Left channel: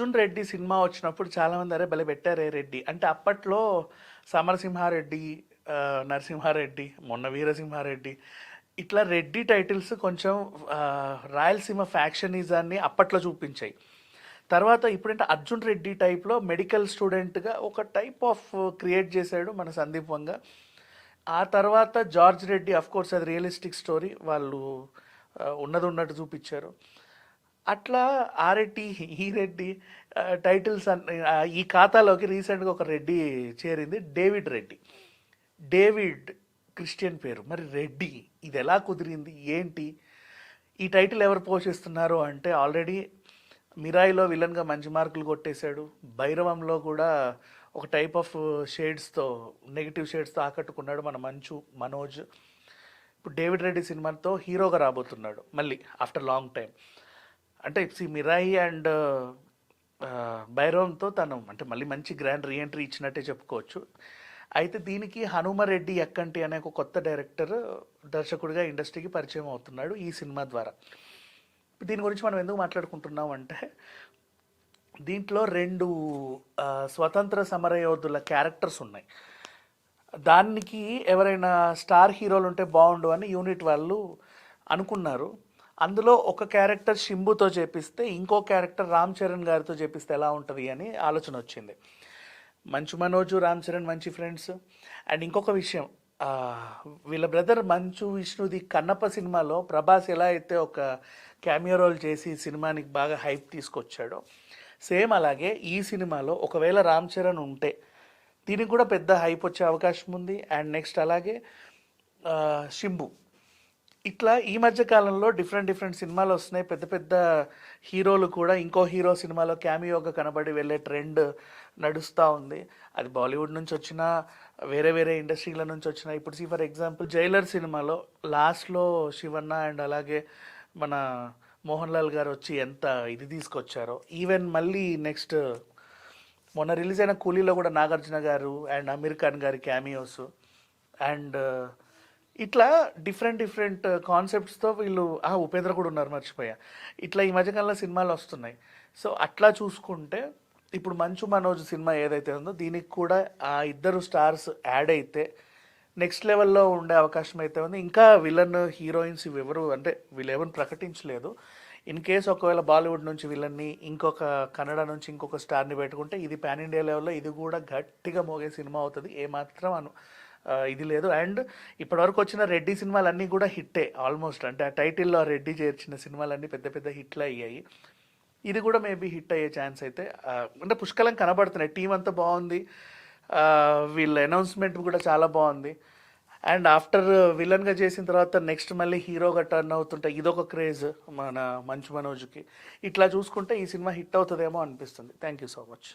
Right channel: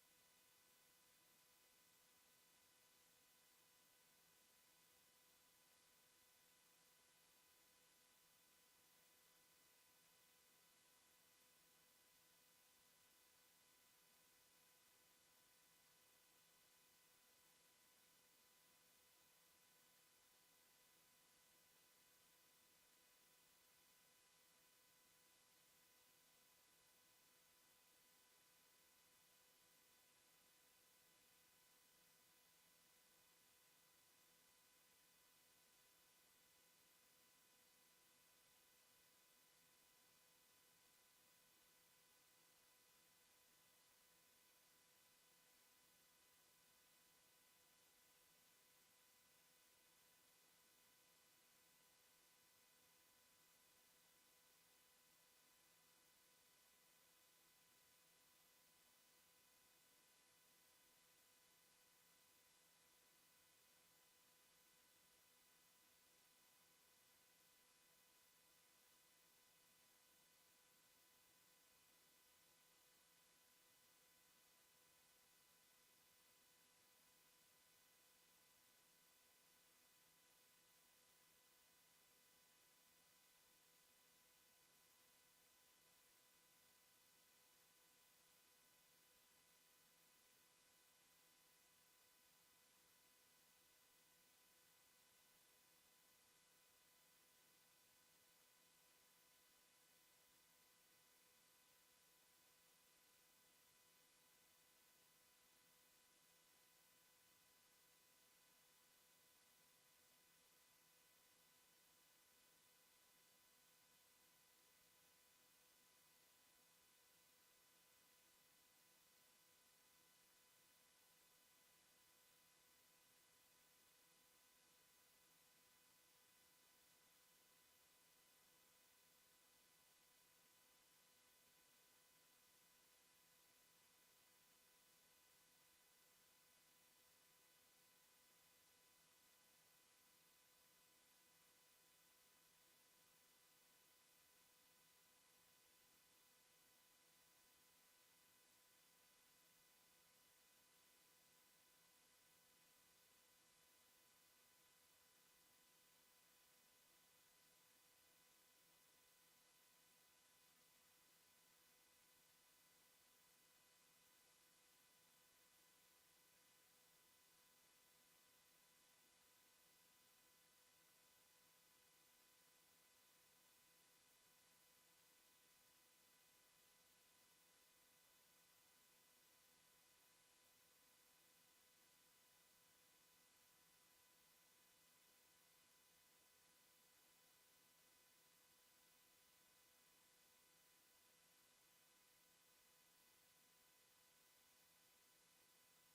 Arjun Reddy cinema వచ్చినప్పుడు చాలామంది అరే భలే పెట్టారే రెడ్డి అంటే అప్పట్లో సమరసింహారెడ్డి, నరసింహారెడ్డి, మొన్న వీరసింహారెడ్డి ఇట్లా రెడ్డి టైటిల్స్ కొంచెం రాయలసీమ ఫ్యాక్షనిజాన్ని అప్పట్లో చూపించాయి. తర్వాత ఇప్పుడంటే అర్జున్ రెడ్డి టైప్లో మెడికల్ స్టూడెంట్గా ఒక టైప్ ఆఫ్ క్రియేట్ చేశాడు మన సందీప్ వంగ. ఆ తర్వాత జార్జ్ రెడ్డి, అఫ్ కోర్స్ అది రియలిస్టిక్ స్టోరీ, వాళ్ళు ఉన్నది ఉన్నట్టు చూపించారు. అట్లా ఆ రెడ్డి ఈ రెడ్డి టైటిల్స్ ఈ ఖాతాలోకి రీసెంట్గా ఒక రెడ్డి చేరింది, డేవిడ్ రెడ్డి. డేవిడ్ క్రిస్టియన్ పేరు, మరి రెడ్డి ఇది ఎలా కుదిరింది ఏంటి? ఈ టైటిల్ ఎవరు పోషిస్తున్నారు అంటే ఆల్రెడీ మిరాయిలో విలన్గా మంచి మార్కులు కొట్టేశాడు, భైరవంలో కూడా ఒక టైప్ ఆఫ్ షేడ్స్తో, నెగిటివ్ షేడ్స్తో ఆకట్టుకున్నాడు మన మంచు మనోజ్. ఇప్పుడు డేవిడ్ రెడ్డి సినిమాతో హీరోగా రాబోతున్నాడు మళ్ళీ ఆఫ్టర్ లాంగ్ టైం. అంటే మిరాయి అండ్ భైరవంతో తను అంటే మళ్ళీ మంచి గ్రాండ్ రీఎంట్రీ ఇచ్చినట్టే చెప్పుకోవచ్చు. అయితే దీనికి హనుమరెడ్డి ఎక్కంటి అనే ఒక కొత్త డైరెక్టర్, దర్శకుడిగా ఇండస్ట్రీకి పరిచయం అవుతున్నాడు ఈ సినిమా ద్వారా. దీని గురించి మనం ఎందుకు మాట్లాడుకుంటున్నాం అంటే దీంట్లో 2 స్వతంత్ర సమరయోధుల క్యారెక్టర్స్ ఉన్నాయి. దానికి ఎవరైనా స్టార్ హీరోలు ఉంటే బాగుండు అని యూనిట్ వాళ్ళు అనుకున్నారు. అందులో ఒక క్యారెక్టర్ శింబుతో చేపిస్తే ఇంకో క్యారెక్టర్ రామ్ చరణ్ గారితో చేపిస్తే ఎలా ఉంటుంది అని ఆలోచన వచ్చింది. మంచు మనోజు, రామ్ చరణ్ మంచి ఫ్రెండ్స్. అండ్ ఇంకొక విషయం, వీళ్ళ బ్రదర్ మంచు విష్ణుది కన్నప్ప సినిమాలో ప్రభాస్ ఎలా అయితే ఒక క్యామియో రోల్ చేసి సినిమానికి బాగా హైప్ తీసుకొచ్చాడో, సేమ్ అలాగే ఈ సినిమాలో ఒకవేళ రామ్ చరణ్ ఉంటే దీనికి కూడా పెద్ద హైప్ వచ్చే అవకాశం ఉంది. అండ్ నెక్స్ట్ అలాగే శింబు. ఇట్లా ఈ మధ్య కాలంలో డిఫరెంట్ సినిమాలు వస్తున్నాయి. పెద్ద పెద్ద హీరోలు కూడా ఇంకో హీరో సినిమాలో క్యామియోగా కనబడి వెళ్ళే ట్రెండ్ నడుస్తూ ఉంది. అది బాలీవుడ్ నుంచి వచ్చినా, వేరే ఇండస్ట్రీల నుంచి వచ్చినా. ఇప్పుడు ఫర్ ఎగ్జాంపుల్ జైలర్ సినిమాలో లాస్ట్లో శివన్న అండ్ అలాగే మన మోహన్ లాల్ గారు వచ్చి ఎంత ఇది తీసుకొచ్చారో. ఈవెన్ మళ్ళీ నెక్స్ట్ మొన్న రిలీజ్ అయిన కూలీలో కూడా నాగార్జున గారు అండ్ అమీర్ ఖాన్ గారి క్యామియోస్. అండ్ ఇట్లా డిఫరెంట్ కాన్సెప్ట్స్తో వీళ్ళు ఉపేంద్ర కూడా ఉన్నారు, మర్చిపోయా. ఇట్లా ఈ మధ్యకాలంలో సినిమాలు వస్తున్నాయి. సో అట్లా చూసుకుంటే ఇప్పుడు మంచు మనోజ్ సినిమా ఏదైతే ఉందో దీనికి కూడా ఆ ఇద్దరు స్టార్స్ యాడ్ అయితే నెక్స్ట్ లెవెల్లో ఉండే అవకాశం అయితే ఉంది. ఇంకా విలన్ హీరోయిన్స్ ఎవరు అంటే వీళ్ళు ఎవరు ప్రకటించలేదు. ఇన్ కేస్ ఒకవేళ బాలీవుడ్ నుంచి విలన్ని, ఇంకొక కన్నడ నుంచి ఇంకొక స్టార్ని పెట్టుకుంటే ఇది పాన్ ఇండియా లెవెల్లో ఇది కూడా గట్టిగా మోగే సినిమా అవుతుంది, ఏమాత్రం ఇది లేదు. అండ్ ఇప్పటివరకు వచ్చిన రెడ్డి సినిమాలన్నీ కూడా హిట్టే ఆల్మోస్ట్. అంటే ఆ టైటిల్లో రెడ్డి చేర్చిన సినిమాలన్నీ పెద్ద హిట్లు అయ్యాయి. ఇది కూడా మేబీ హిట్ అయ్యే ఛాన్స్ అయితే అంటే పుష్కలం కనబడుతున్నాయి. టీం అంతా బాగుంది, వీళ్ళ అనౌన్స్మెంట్ కూడా చాలా బాగుంది. అండ్ ఆఫ్టర్ విలన్గా చేసిన తర్వాత నెక్స్ట్ మళ్ళీ హీరోగా టర్న్ అవుతుంటే ఇదొక క్రేజ్ మన మంచు మనోజ్కి. ఇట్లా చూసుకుంటే ఈ సినిమా హిట్ అవుతుందేమో అనిపిస్తుంది. Thank you so much.